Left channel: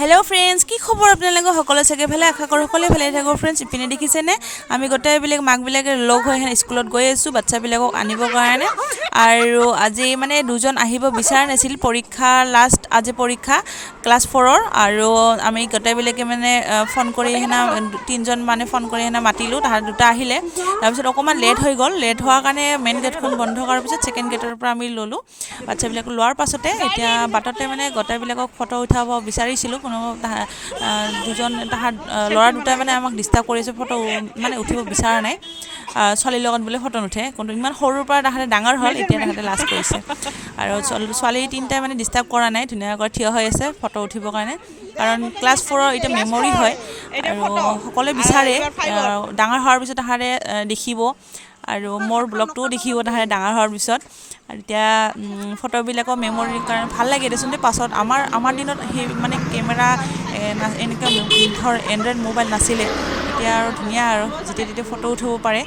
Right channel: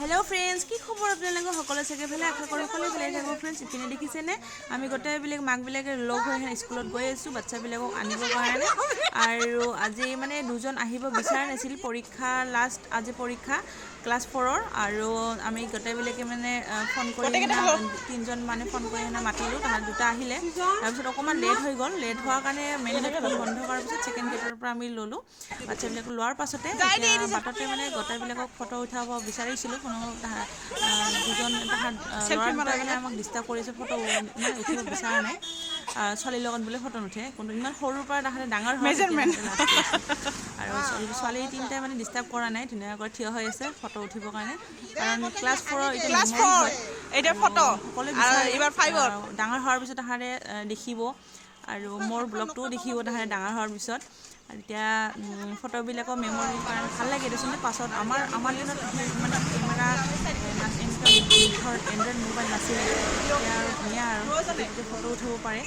hello friends কি খবৰ আপোনালোকৰ সকলো চাগে ভালে আশা কৰো সকলো ভালে থাকক फ्रेंड्स ইপিনে দেখিছেনে আমি গোটাই বিলেক মাক বিলাকে লগ হৈ স্কুলত গৈ আছো বাচ্চা বিলাকক আনিব কাৰণে আৰু আজি মানে দুজন আহিব বিচাৰ নাছিল পৰীক্ষা লাষ্ট আজি পৰীক্ষা ক্লাস 4 ৰ আৰু আমি গোটাই বিলাকে মানে ফোন কৰি হেনা তিনজন মানে ফোন কৰি হেনা মাতিলো তাহাৰ দুটা আহিলে তাৰপিছত অকমান লেট হৈ গল লেট হোৱাৰ কাৰণে মেইন গেটখন বন্ধ কৰাৰ পিছত সেকেন্ড গেটৰ পৰা আমি ললো বাচ্চা বিলাক লোৱাৰ পাছতে এতিয়া বাটতে মানে গোটাই বিলাকক ফটো উঠাব বিচাৰিছিল কোনো দুজন তাহাৰ লৰা দুটা মানে আমাক ডিস্টাৰ্ব কৰিছে ফটো মানে উঠিব বিচাৰা নাই ছোৱালীৰ লগত বলে ফটো নুঠে কিন্তু ইমান সৰুৰ পৰা তাহাতে ডাঙৰ হল এতিয়া তাহাতে লাজ কৰিছে আৰু ছোৱালী তিনটা মানে ডিস্টাৰ্ব কৰা নাই ধুনীয়াকৈ থিয় হৈ আছে ফটো উঠিবৰ কাৰণে কাৰণ ক্লাস 4 ৰ এটা মেমৰি হয় আৰু সকলোৱে বিচাৰে ডাঙৰ হোৱাৰ পিছত তাহাৰে দেখিব আৰু মোৰ ব্লগটো দেখিব তাহাৰে ডাঙৰ হোৱাৰ পিছত আৰু এতিয়া ফটোবিলাকৰ মেমৰিৰ কাৰণে ভাল লাগে দেচোন পাছত আমাৰ দিনত সেই মানে কেমেৰা এনেকা ধৰ এন্ড্ৰইড মোবাইল নাছিলে এতিয়া আৰু ধুনীয়া আৰু যেতিয়া ফটো উঠিব পাৰে